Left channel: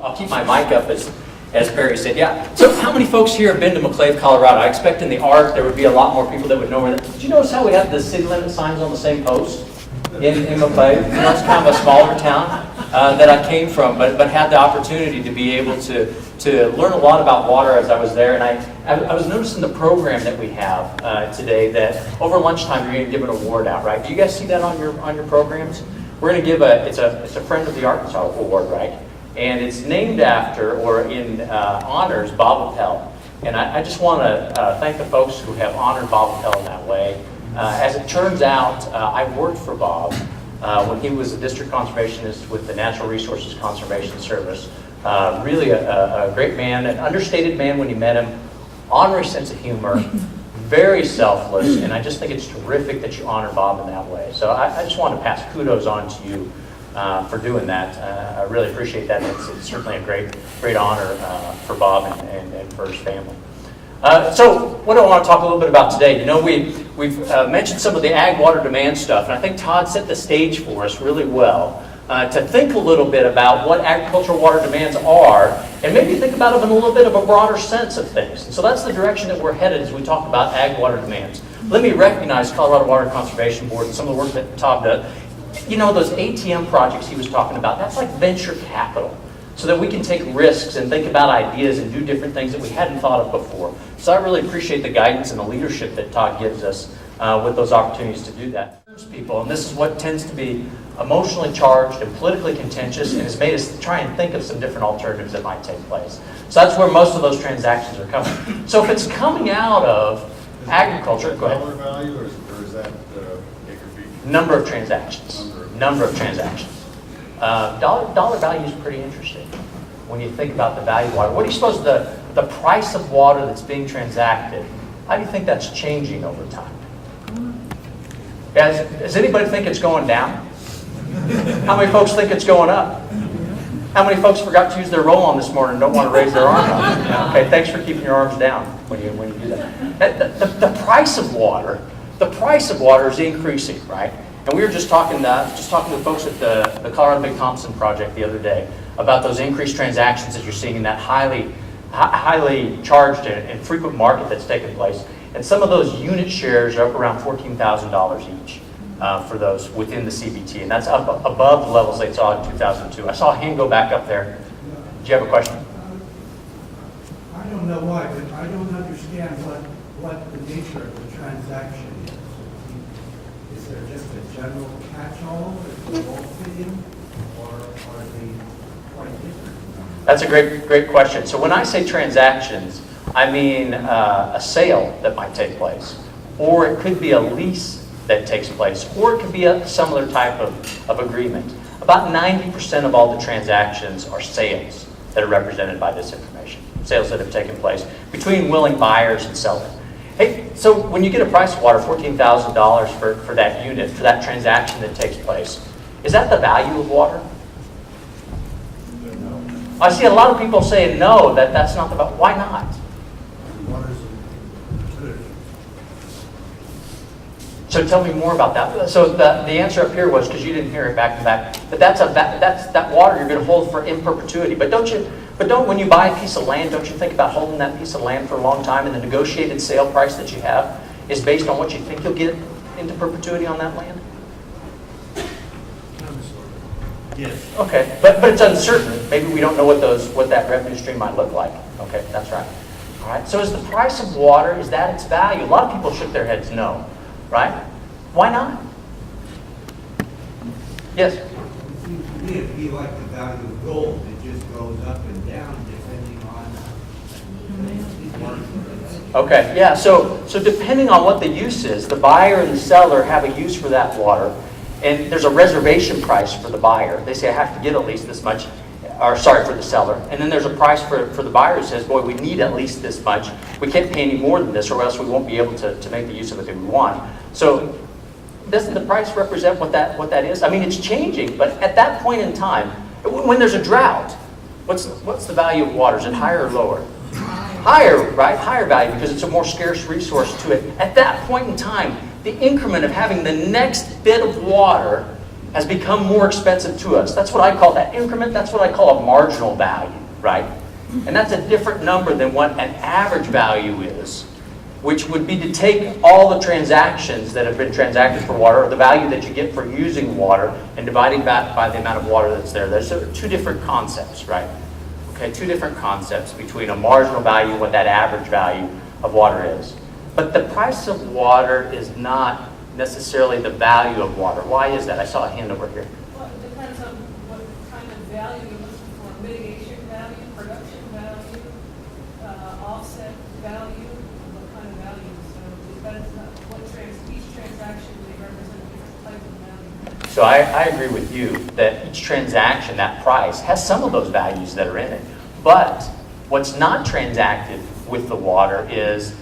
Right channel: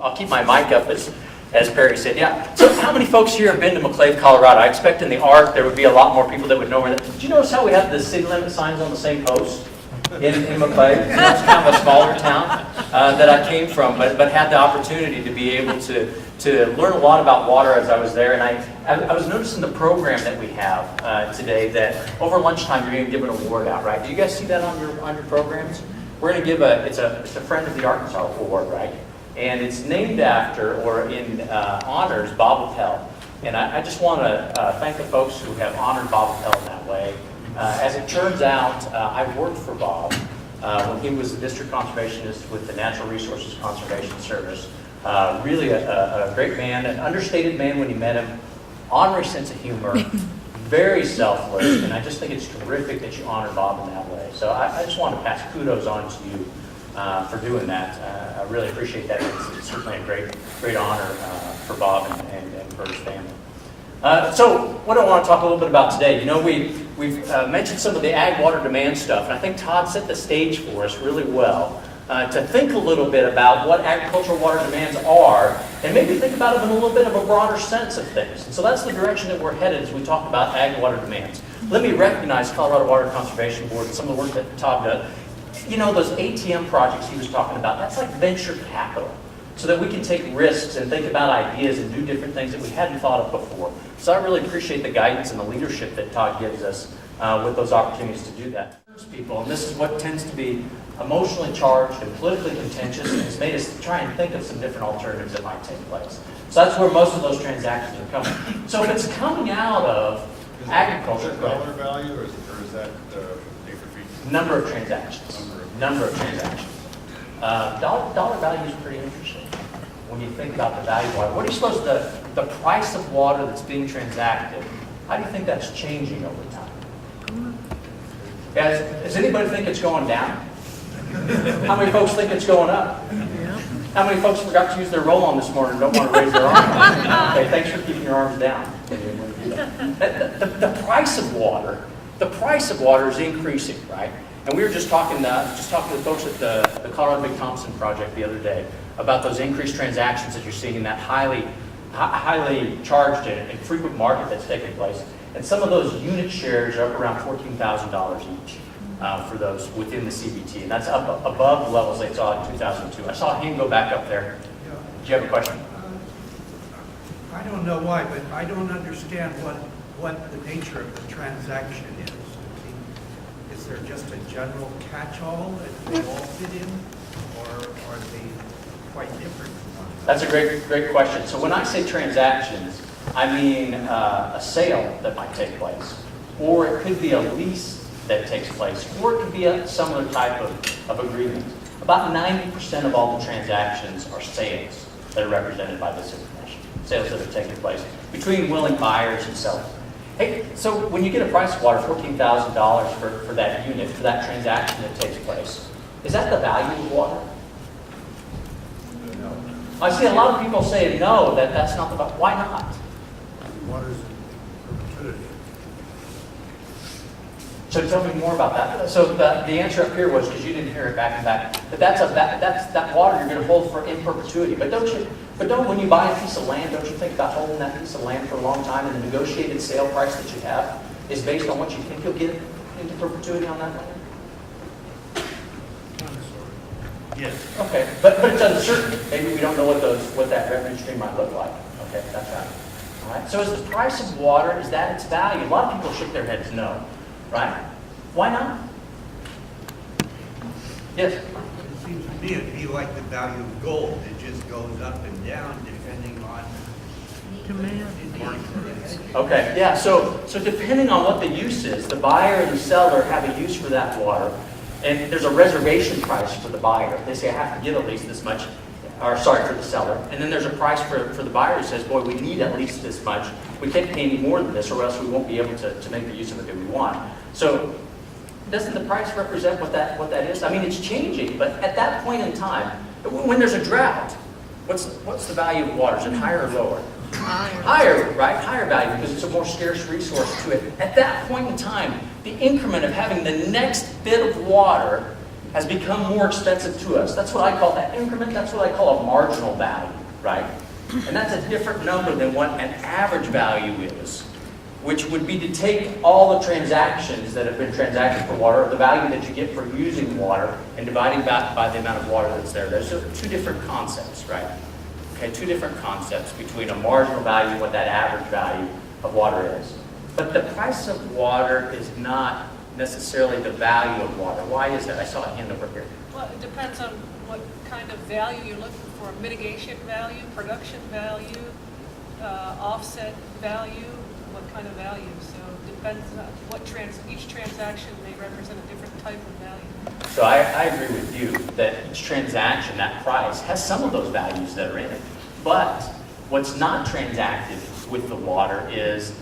I'll keep my mic up as Perry said. Yeah. So how many folks here have been to McClave, Colorado? I expect in the ARC there would be a lot more people that would know where that. Did you notice how we have the city limit signs on the same post in McClave? You know, it's kind of a smaller town that I came from, but had the opportunity to be able to learn a lot about water as I was there. And I was noticing the program that we have today that over lunchtime you're going to give an award out, right? Do you guys see that on your programs? We're going to give it's a Friend of the Arkansas award, right? And it's named after, or in honors, Bob Appel. And I just want to thank the folks who have honored Bob Appel in that way. As it turns out, I worked for Bob when he was a district conservationist with the Natural Resources Conservation Service. Really a great man, an understated man when you met him, honorary sense of humor, very selfless, and I just think it's terrific that you honor Bob in that way. So I just want to pass kudos on to you for doing that. I really appreciate that. It's certainly a great honor for Bob and for his family. So what I want to talk a little bit about today, you know, we've mentioned some of the ag water demand stuff, and I think Todd set the stage for us really well to think a little bit about what agricultural water demands are, and maybe think about them in a little bit of a broader sense of things. And so that's the direction that we're headed as we talk about ag water demands. Let me recognize Colorado Water Conservation Board and some of the work that Todd does. You know, those ATM projects he was talking about, that's like venture capital, so that we can take risks and think about ideas and do different things that we hadn't thought of before. So I really appreciate the guidance and the leadership that Todd gives us with those opportunities to do that. People, and this is what tends to be emotionally charged and politically contentious, and has made us try and think of some different alternatives that might take place. So that's where most of those transactions are coming. So if it's coming out of agriculture, is that dollar value, or is that acre feet? Number of transactions. Number of transactions. Dollar value is pretty interesting when you think about the value of water. What do you suppose the price of water that's being transacted, how do you think that's changing over time? Guys, does anybody think it's going down? How many folks think it's going up? How many folks forgot to use their roll-on this morning and don't want to raise their arm? Okay, thanks for keeping your arms down when you do that. The price of water is increasing, right? And we were just talking to folks at the Colorado Big Thompson project the other day about those increased transactions that you're seeing in that highly charged and frequent market that's taking place. And some of those unit shares are up around $14,000 each for those within the CBT. And that's up above the levels they saw in 2002. I saw a hand go back up there. Do you have a question? I don't know why, but I don't understand what the nature of the transaction is. Is there just a general catch-all that we all fit in, or are they quite different? That's a great question. So when I say transactions, I mean a sale that might take place, or it could be a lease that takes place, or it could be a similar type of agreement. About 90% of all the transactions are sales that are represented by this information, sales that have taken place between willing buyers and sellers. Hey, so when you get a price of water, $14,000 for that unit, for that transaction that takes place, is that the value of water? No. I see a lot of people say no, that's not the value. Why not? Water's in perpetuity. So tell me more about that. So the answer up here was, because you didn't hear it back to back, but that's that water you're going to hold for in perpetuity. But don't when you buy a piece of land, don't you think about holding that piece of land for a long time, and the negotiated sale price that you have is based on what you think you'll get into perpetuity on that land? Yes. Okay, but it's uncertain. Maybe we don't know what that revenue stream might look like. Okay, that's right. All right. So is the price of water, is that its value? A lot of people shook their heads no, right? Why not? Yes. It seems to me it'd be like the value of gold. It just goes up and down depending on demand. Okay, yeah, so depending on what the use is, the buyer and the seller have a use for that water, and there's a reservation price for the buyer. They say, I have to get at least this much, or sorry, for the seller. And then there's a price for the buyer who says, boy, we need at least this much. We can't pay any more than this, or else we won't be able to make the use of it that we want. So doesn't the price represent what that is? I mean, it's changing, but at that point in time, when there's a drought, what's the value of water? Is it higher or lower? Higher, right? Higher value, because it's a more scarce resource to it. At that point in time, the increment of having the next bit of water has become more expensive to us. That's what I call that increment. That's what I call a marginal value, right? And that's a different number than what an average value is, which would be to take all the transactions that have been transacted for water, or the value that you get for using water, and dividing that by the amount of water that's there. There's two different concepts, right? Okay, two different concepts between a marginal value and what that average value of water is. But the price of water is not necessarily the value of water. Why is that? I saw a hand over here. Well, it depends on what kind of value you're looking for. Mitigation value, production value, offset value, what kind of value. So it depends on what each transaction may represent a different type of value. So I agree with you that each transaction, that price, has some of those values that are in it. But what's not transacted with the water is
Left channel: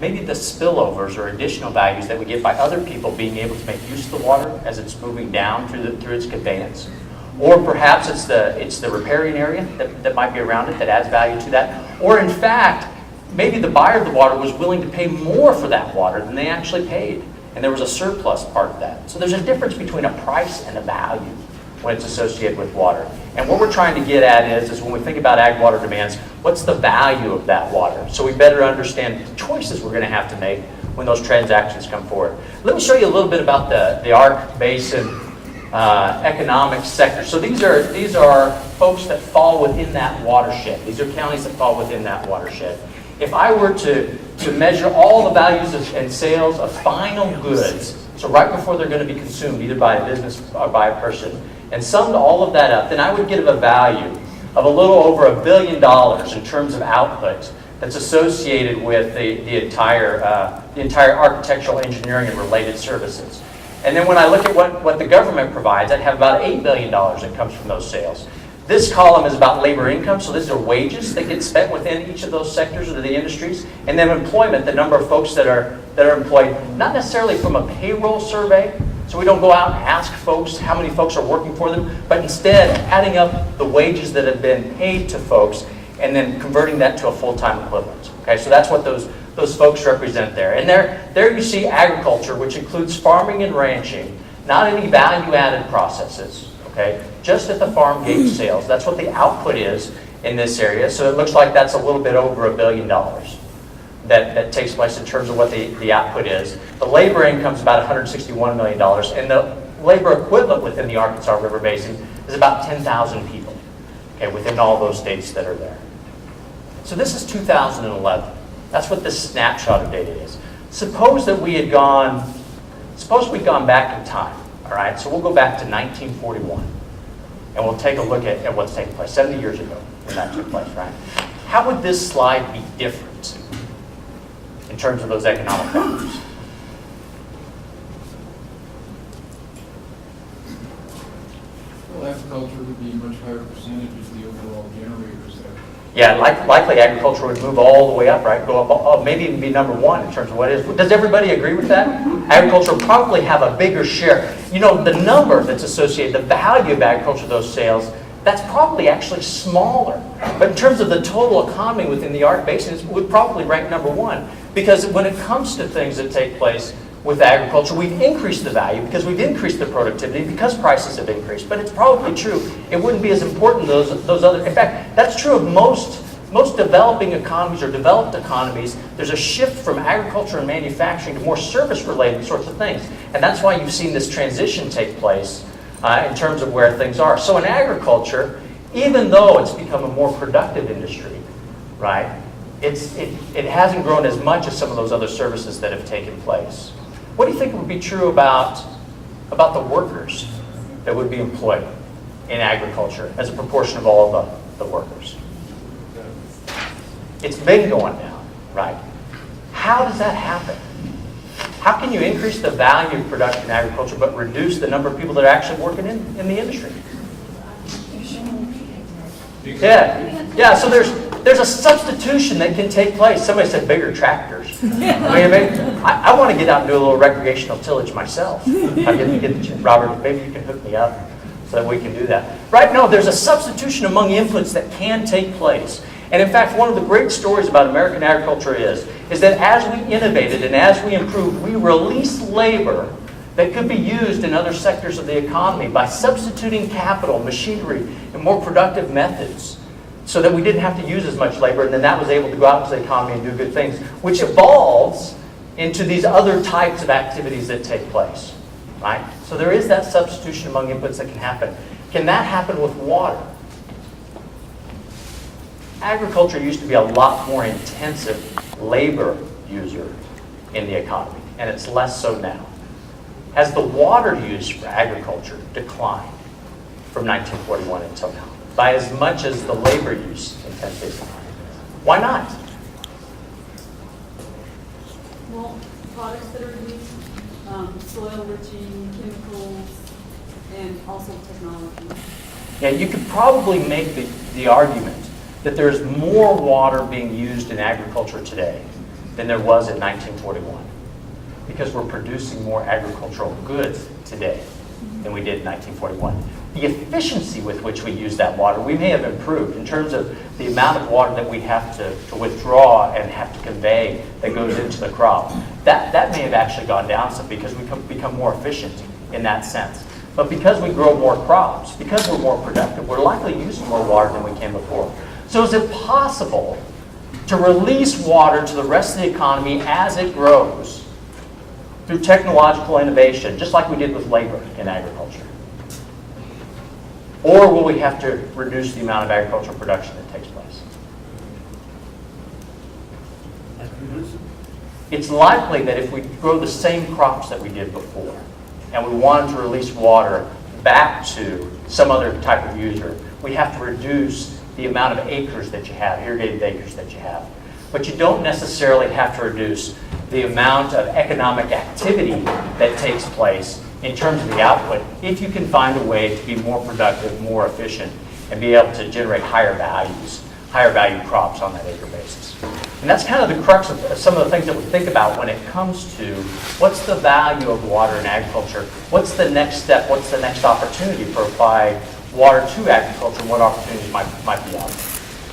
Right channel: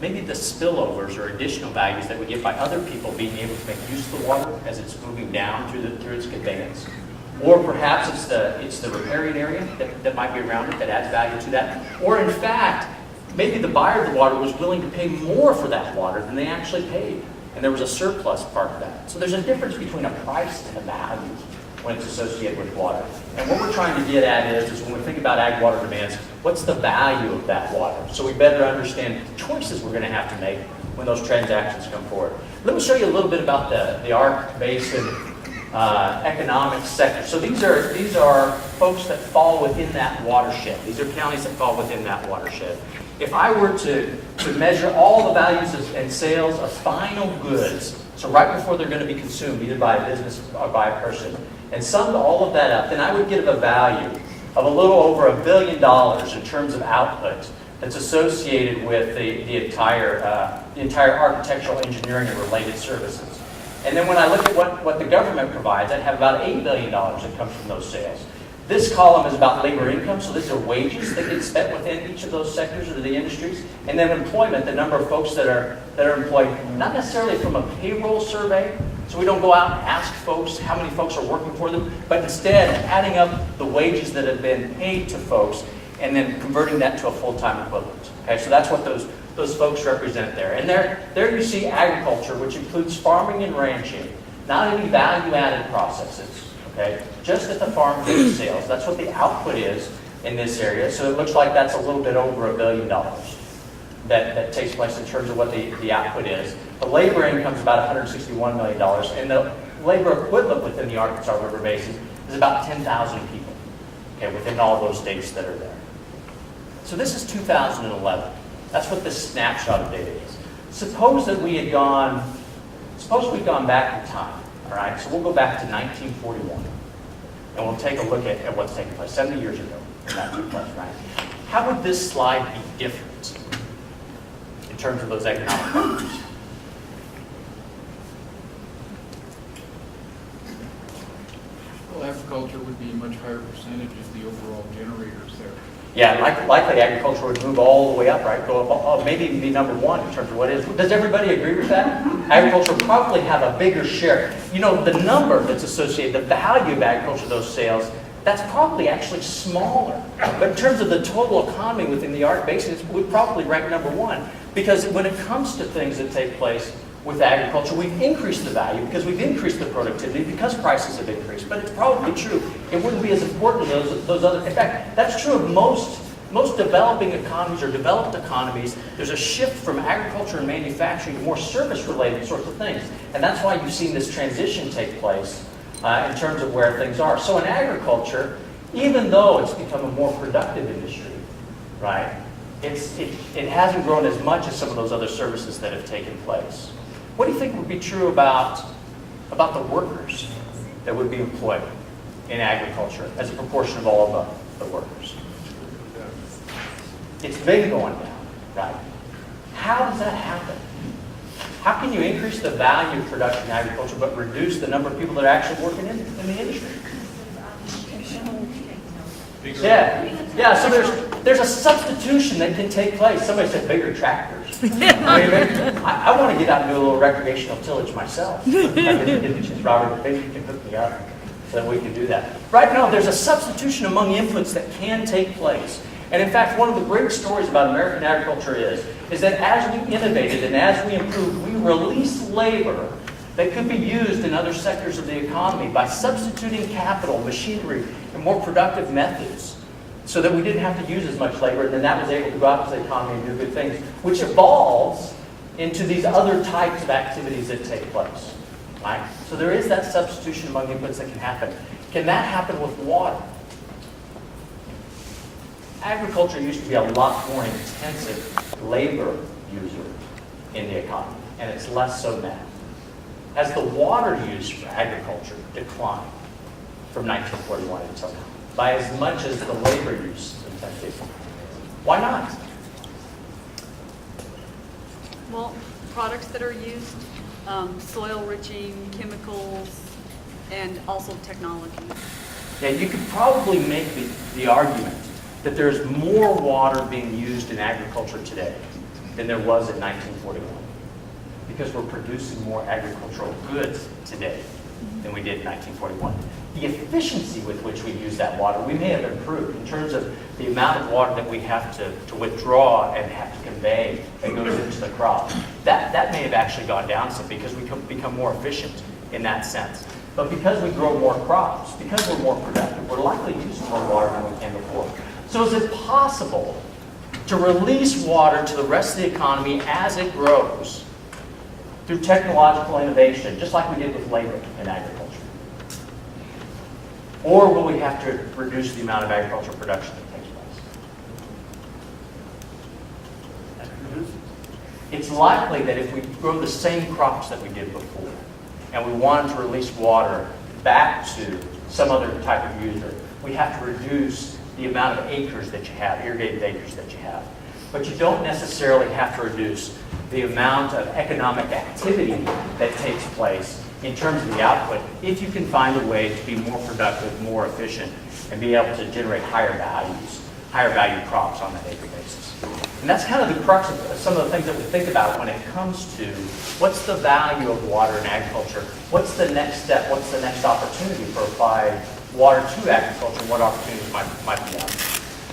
maybe the spillovers or additional values that we get by other people being able to make use of the water as it's moving down through its conveyance. Or perhaps it's the riparian area that might be around it that adds value to that. Or in fact, maybe the buyer of the water was willing to pay more for that water than they actually paid. And there was a surplus part of that. So there's a difference between a price and a value when it's associated with water. And what we're trying to get at is when we think about ag water demands, what's the value of that water? So we better understand the choices we're going to have to make when those transactions come forward. Let me show you a little bit about the Ark Basin economic sector. So these are folks that fall within that watershed. These are counties that fall within that watershed. If I were to measure all the values and sales of final goods, so right before they're going to be consumed, either by a business or by a person, and summed all of that up, then I would give a value of a little over $1 billion in terms of output that's associated with the entire architectural engineering and related services. And then when I look at what the government provides, I'd have about $8 billion that comes from those sales. This column is about labor income, so these are wages that get spent within each of those sectors or the industries. And then employment, the number of folks that are employed, not necessarily from a payroll survey, so we don't go out and ask folks how many folks are working for them, but instead adding up the wages that have been paid to folks and then converting that to a full-time equivalent. Okay, so that's what those folks represent there. And there you see agriculture, which includes farming and ranching, not any value-added processes. Okay, just at the farm gate sales. That's what the output is in this area. So it looks like that's a little bit over $1 billion that takes place in terms of what the output is. The labor income is about $161 million, and the labor equivalent within the Arkansas River Basin is about 10,000 people, okay, within all those states that are there. So this is 2011. That's what this snapshot of data is. Suppose we'd gone back in time. All right, so we'll go back to 1941, and we'll take a look at what's taking place 70 years ago when that took place, right? How would this slide be different in terms of those economic factors? Well, agriculture would be a much higher percentage of the overall generators there. Yeah, likely agriculture would move all the way up, right? Go up, maybe even be number one in terms of what it is. Does everybody agree with that? Agriculture will probably have a bigger share. You know, the number that's associated, the value of agriculture, those sales, that's probably actually smaller. But in terms of the total economy within the Ark Basin, it would probably rank number one. Because when it comes to things that take place with agriculture, we've increased the value because we've increased the productivity because prices have increased. But it's probably true it wouldn't be as important as those other. In fact, that's true of most developing economies or developed economies. There's a shift from agriculture and manufacturing to more service-related sorts of things. And that's why you've seen this transition take place in terms of where things are. So in agriculture, even though it's become a more productive industry, right, it hasn't grown as much as some of those other services that have taken place. What do you think would be true about the workers that would be employed in agriculture as a proportion of all of the workers? It's been going down, right? How does that happen? How can you increase the value of production in agriculture but reduce the number of people that are actually working in the industry? Yeah. So there's a substitution that can take place. Somebody said bigger tractors. I want to get out and do a little recreational tillage myself. Robert, maybe you can hook me up so that we can do that. Right now, there's a substitution among inputs that can take place. And in fact, one of the great stories about American agriculture is that as we innovated and as we improved, we released labor that could be used in other sectors of the economy by substituting capital, machinery, and more productive methods so that we didn't have to use as much labor, and then that was able to go out into the economy and do good things, which evolves into these other types of activities that take place, right? So there is that substitution among inputs that can happen. Can that happen with water? Agriculture used to be a lot more intensive labor user in the economy, and it's less so now. Has the water use for agriculture declined from 1941 until now by as much as the labor use intensity? Why not? Well, products that are used, soil enriching, chemicals, and also technology. Yeah, you could probably make the argument that there's more water being used in agriculture today than there was in 1941, because we're producing more agricultural goods today than we did in 1941. The efficiency with which we use that water, we may have improved in terms of the amount of water that we have to withdraw and have to convey that goes into the crop. That may have actually gone down some because we become more efficient in that sense. But because we grow more crops, because we're more productive, we're likely using more water than we can before. So is it possible to release water to the rest of the economy as it grows through technological innovation, just like we did with labor in agriculture? Or will we have to reduce the amount of agricultural production that takes place? It's likely that if we grow the same crops that we did before, and we wanted to release water back to some other type of user, we have to reduce the amount of acres that you have, irrigated acres that you have. But you don't necessarily have to reduce the amount of economic activity that takes place in terms of the output if you can find a way to be more productive, more efficient, and be able to generate higher values, higher value crops on that acre basis. And that's kind of the crux of some of the things that we think about when it comes to what's the value of water in agriculture, what's the next step, what's the next opportunity for applying water to agriculture, what opportunities might be out there.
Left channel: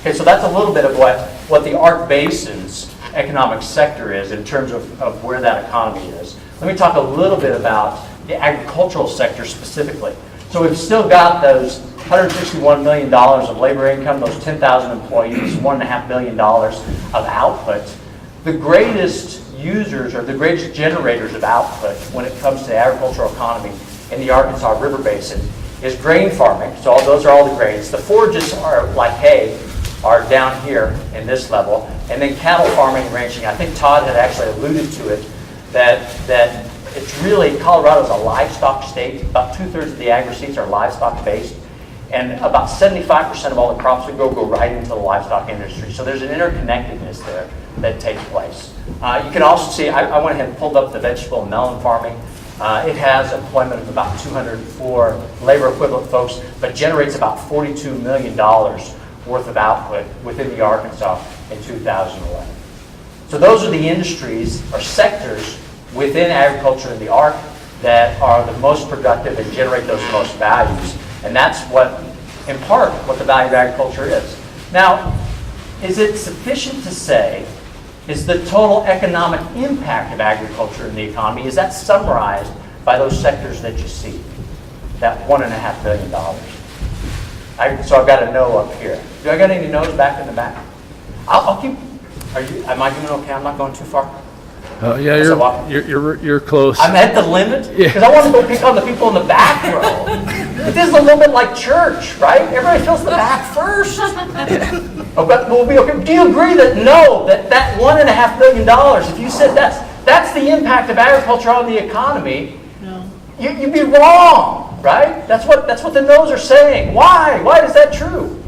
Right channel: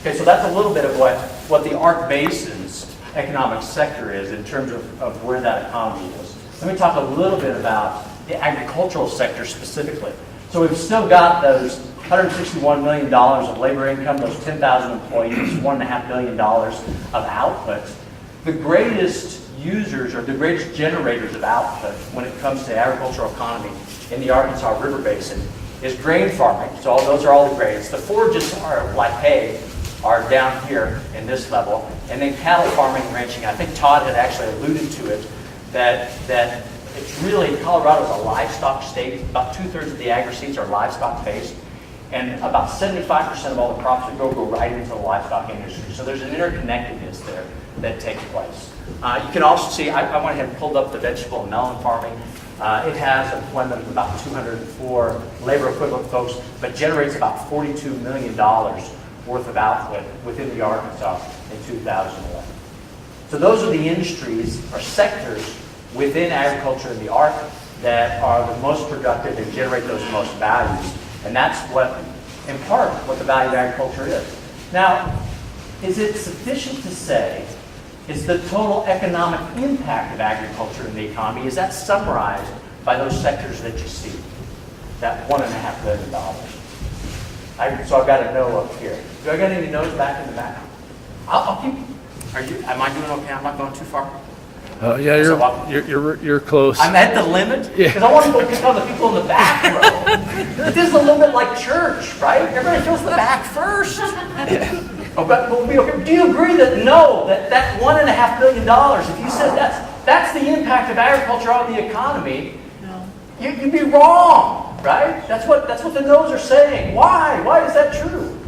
Okay, so that's a little bit of what the Ark Basin's economic sector is in terms of where that economy is. Let me talk a little bit about the agricultural sector specifically. So we've still got those $161 million of labor income, those 10,000 employees, $1.5 billion of output. The greatest users or the greatest generators of output when it comes to the agricultural economy in the Arkansas River Basin is grain farming. So those are all the grains. The forages are like hay, are down here in this level, and then cattle farming and ranching. I think Todd had actually alluded to it, that it's really, Colorado's a livestock state. About 2/3 of the agri-seeds are livestock based, and about 75% of all the crops we grow go right into the livestock industry. So there's an interconnectedness there that takes place. You can also see, I went ahead and pulled up the vegetable and melon farming. It has employment of about 204 labor equivalent folks, but generates about $42 million worth of output within the Arkansas in 2011. So those are the industries or sectors within agriculture in the Ark that are the most productive and generate those most values. And that's what, in part, what the value of agriculture is. Now, is it sufficient to say, is the total economic impact of agriculture in the economy, is that summarized by those sectors that you see? That $1.5 billion. So I've got a no up here. Do I got any no's back in the back? I'll keep, am I doing okay? I'm not going too far? Yeah, you're close. I'm at the limit? Yeah. Because I want to go pick on the people in the back row. But this is a little bit like church, right? Everybody feels the back first. Oh, but we'll be okay. Do you agree that that $1.5 billion, if you said that's the impact of agriculture on the economy, No. you'd be wrong, right? That's what the no's are saying. Why? Why is that true?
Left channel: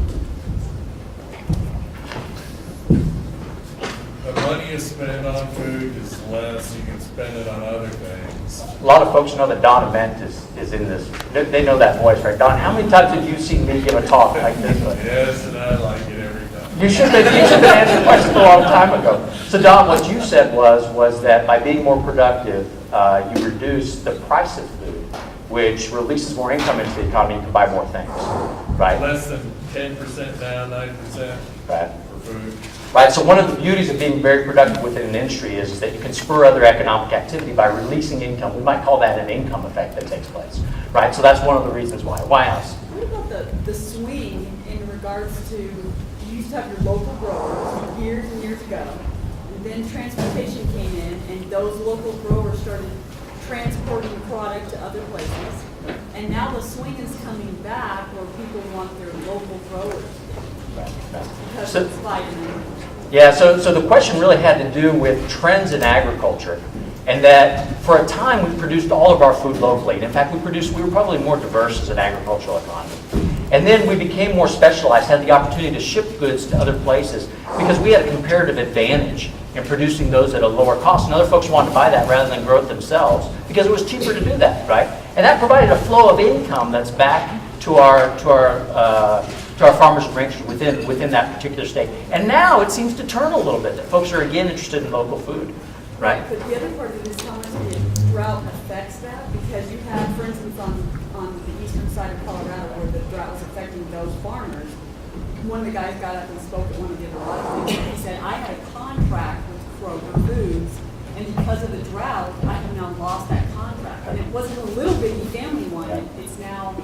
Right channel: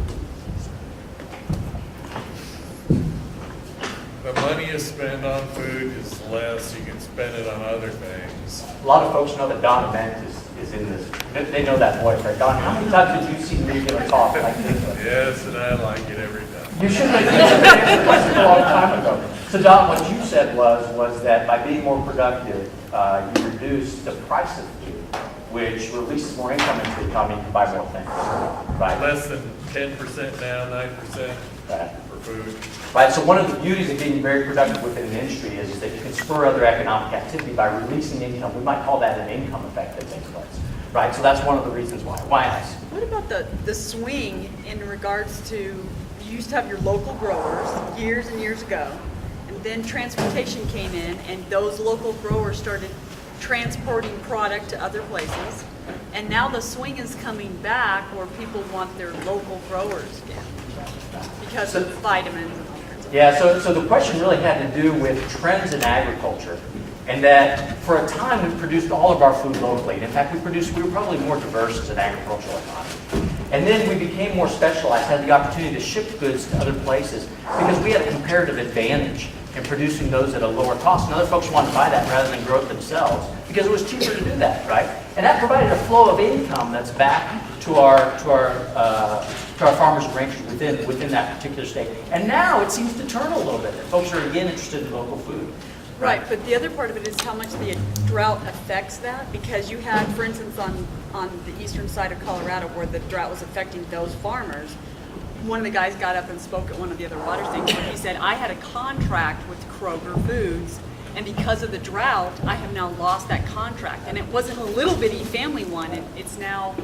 The money you spend on food is less, you can spend it on other things. A lot of folks know that Don Event is in this. They know that voice, right? Don, how many times did you see me give a talk like this? Yes, and I like it every time. You should have answered the question a long time ago. So Don, what you said was that by being more productive, you reduce the price of food which releases more income into the economy, you can buy more things, right? Less than 10% now, 9% Right. for food. Right, so one of the beauties of being very productive within an industry is that you can spur other economic activity by releasing income. We might call that an income effect that takes place, right? So that's one of the reasons why. Why else? What about the swing in regards to, you used to have your local growers years and years ago, and then transportation came in, and those local growers started transporting product to other places, and now the swing is coming back where people want their local growers again because of vitamins. Yeah, so the question really had to do with trends in agriculture, and that for a time we produced all of our food locally. And in fact, we were probably more diverse as an agricultural economy. And then we became more specialized, had the opportunity to ship goods to other places because we had a comparative advantage in producing those at a lower cost. And other folks wanted to buy that rather than grow it themselves because it was cheaper to do that, right? And that provided a flow of income that's back to our farmers and ranchers within that particular state. And now it seems to turn a little bit, that folks are again interested in local food. Right, but the other part of it is how much the drought affects that, because you had, for instance, on the eastern side of Colorado where the drought was affecting those farmers, one of the guys got up and spoke at one of the other water stations, and he said, I had a contract with Kroger Foods, and because of the drought, I have now lost that contract. And it wasn't a little bitty family one, it's now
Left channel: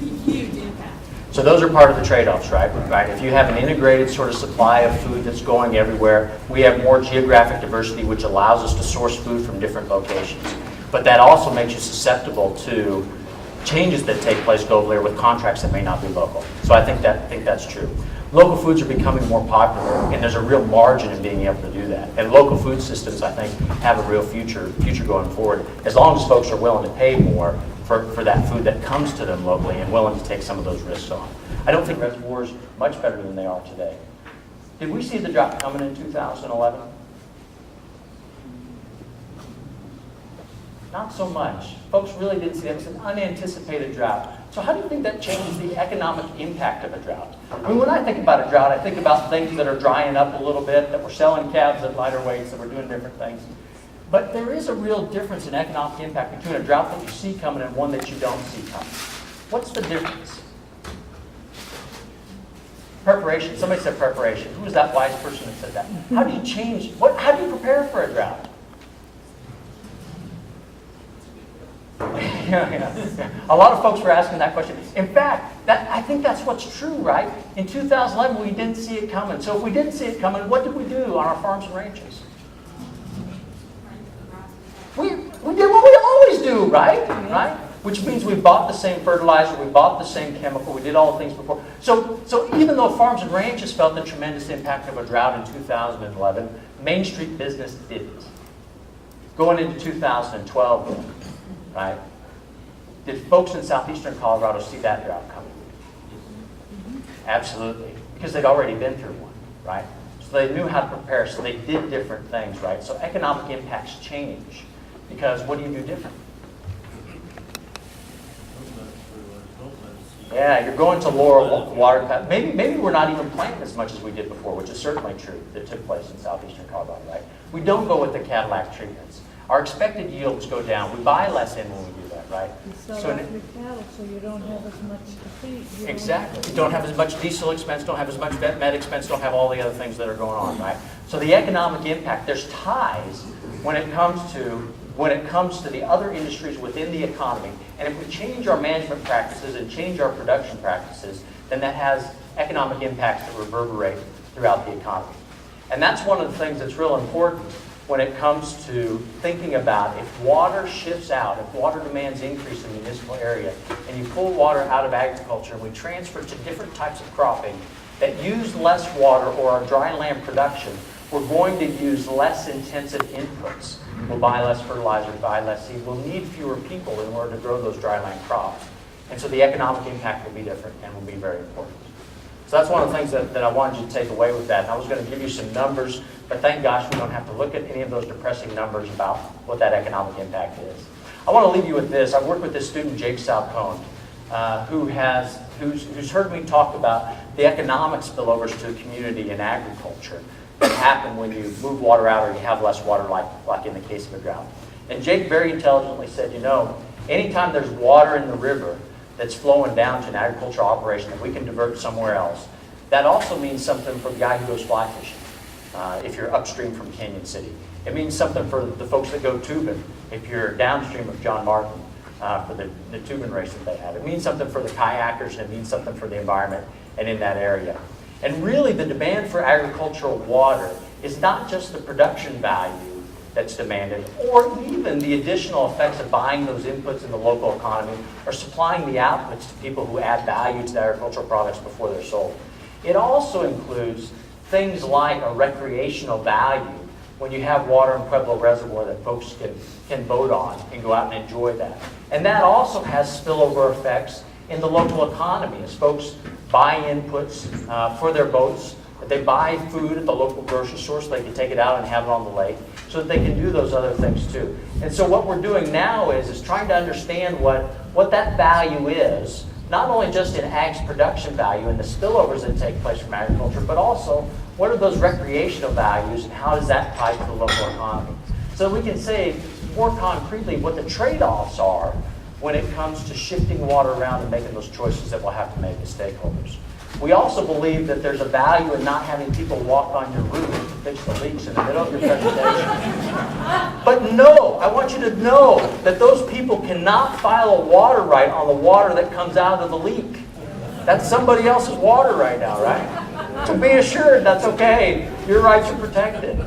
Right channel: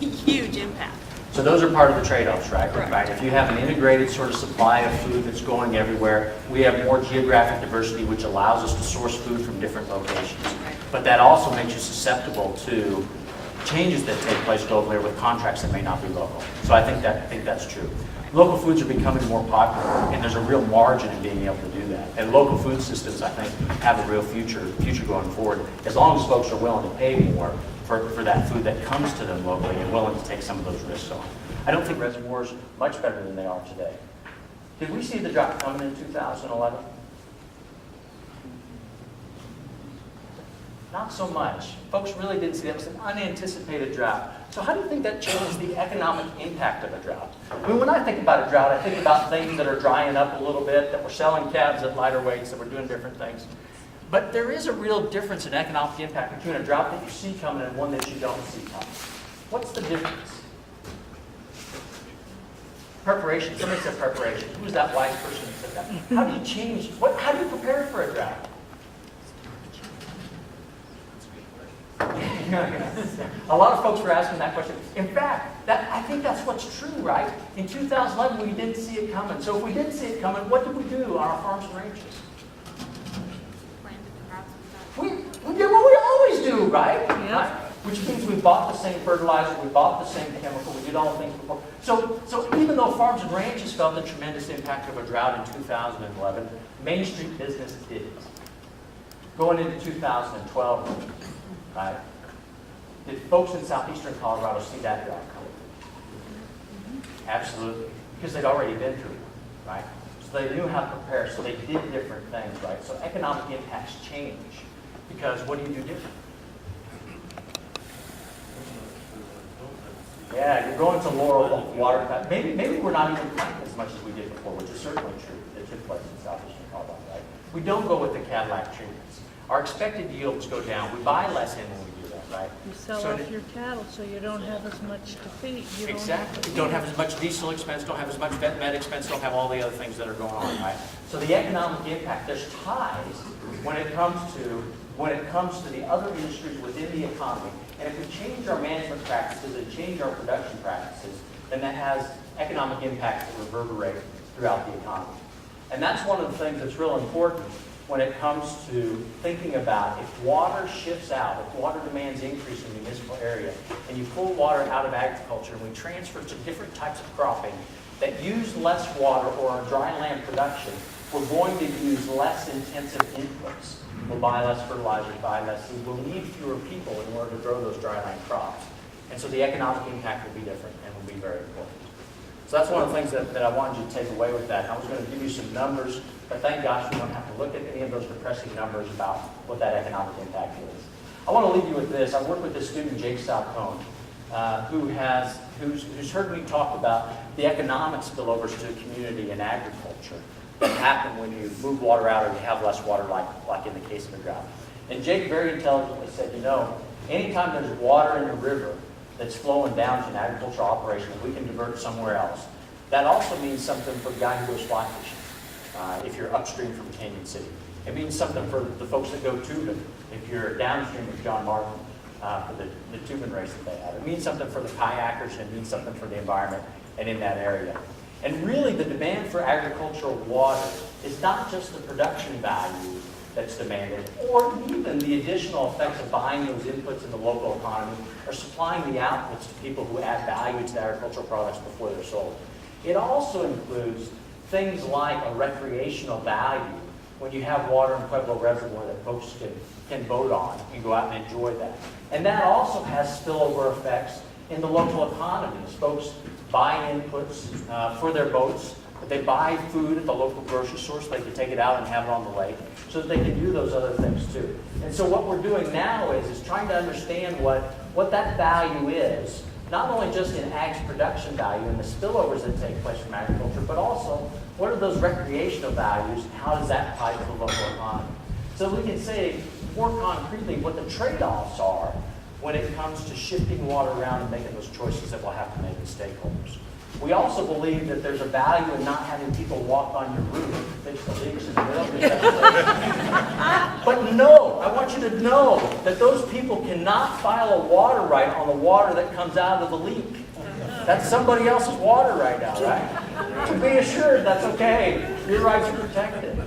a huge impact. So those are part of the trade-offs, right? Correct. Right. If you have an integrated sort of supply of food that's going everywhere, we have more geographic diversity, which allows us to source food from different locations. But that also makes you susceptible to changes that take place globally or with contracts that may not be local. So I think that's true. Local foods are becoming more popular, and there's a real margin in being able to do that. And local food systems, I think, have a real future going forward, as long as folks are willing to pay more for that food that comes to them locally and willing to take some of those risks on. I don't think reservoirs much better than they are today. Did we see the drought coming in 2011? Not so much. Folks really didn't see that. It was an unanticipated drought. So how do you think that changed the economic impact of a drought? I mean, when I think about a drought, I think about things that are drying up a little bit, that we're selling calves at lighter weights, that we're doing different things. But there is a real difference in economic impact between a drought that you see coming and one that you don't see coming. What's the difference? Preparation. Somebody said preparation. Who was that wise person that said that? How do you change? How do you prepare for a drought? A lot of folks were asking that question. In fact, I think that's what's true, right? In 2011, we didn't see it coming. So if we didn't see it coming, what did we do on our farms and ranches? We did what we always do, right? Yeah. Right? Which means we bought the same fertilizer, we bought the same chemical, we did all the things before. So even though farms and ranches felt the tremendous impact of a drought in 2011, Main Street business didn't. Going into 2012, right? Did folks in southeastern Colorado see that drought coming? Absolutely, because they'd already been through one, right? So they knew how to prepare, so they did different things, right? So economic impacts change, because what do you do different? Yeah, you're going to lower water. Maybe we're not even planting as much as we did before, which is certainly true that took place in southeastern Colorado, right? We don't go with the Cadillac treatments. Our expected yields go down. We buy less in when we do that, right? You sell off your cattle, so you don't have as much to feed. Exactly. You don't have as much diesel expense, don't have as much vet med expense, don't have all the other things that are going on, right? So the economic impact, there's ties when it comes to the other industries within the economy. And if we change our management practices and change our production practices, then that has economic impacts that reverberate throughout the economy. And that's one of the things that's real important when it comes to thinking about if water shifts out, if water demands increase in the municipal area, and you pull water out of agriculture and we transfer it to different types of cropping that use less water or our dry land production, we're going to use less intensive inputs. We'll buy less fertilizer, buy less seed. We'll need fewer people in order to grow those dry land crops. And so the economic impact will be different and will be very important. So that's one of the things that I wanted you to take away with that. And I was going to give you some numbers, but thank gosh we don't have to look at any of those depressing numbers about what that economic impact is. I want to leave you with this. I worked with this student, Jake Salcone, who's heard me talk about the economic spillovers to the community in agriculture that happen when you move water out or you have less water, like in the case of a drought. And Jake very intelligently said, you know, Anytime there's water in the river that's flowing down to an agricultural operation that we can divert somewhere else, that also means something for the guy who goes fly fishing, if you're upstream from Canyon City. It means something for the folks that go tubing, if you're downstream of John Martin, for the tubing race that they have. It means something for the kayakers, and it means something for the environment and in that area. And really, the demand for agricultural water is not just the production value that's demanded, or even the additional effects of buying those inputs in the local economy, or supplying the outputs to people who add value to the agricultural products before they're sold. It also includes things like a recreational value when you have water in Pueblo Reservoir that folks can boat on and go out and enjoy that. And that also has spillover effects in the local economy as folks buy inputs for their boats, but they buy food at the local grocery store so they can take it out and have it on the lake so that they can do those other things too. And so what we're doing now is trying to understand what that value is, not only just in ag's production value and the spillovers that take place from agriculture, but also what are those recreational values and how does that tie to the local economy. So we can say more concretely what the trade-offs are when it comes to shifting water around and making those choices that we'll have to make as stakeholders. We also believe that there's a value in not having people walk on your roof and fix the leaks in the middle of your vegetation. But no, I want you to know that those people cannot file a water right on the water that comes out of the leak. That's somebody else's water right now, right? So be assured that's okay. Your rights are protected.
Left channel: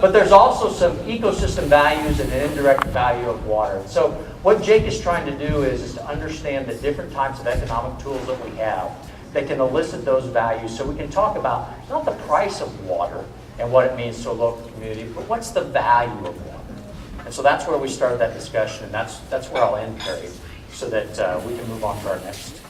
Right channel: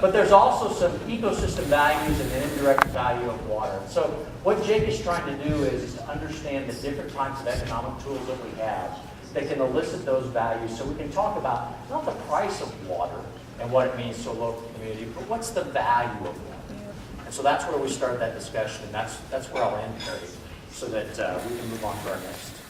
But there's also some ecosystem values and an indirect value of water. So what Jake is trying to do is to understand the different types of economic tools that we have that can elicit those values so we can talk about not the price of water and what it means to a local community, but what's the value of water. And so that's where we started that discussion, and that's where I'll end, Perry, so that we can move on to our next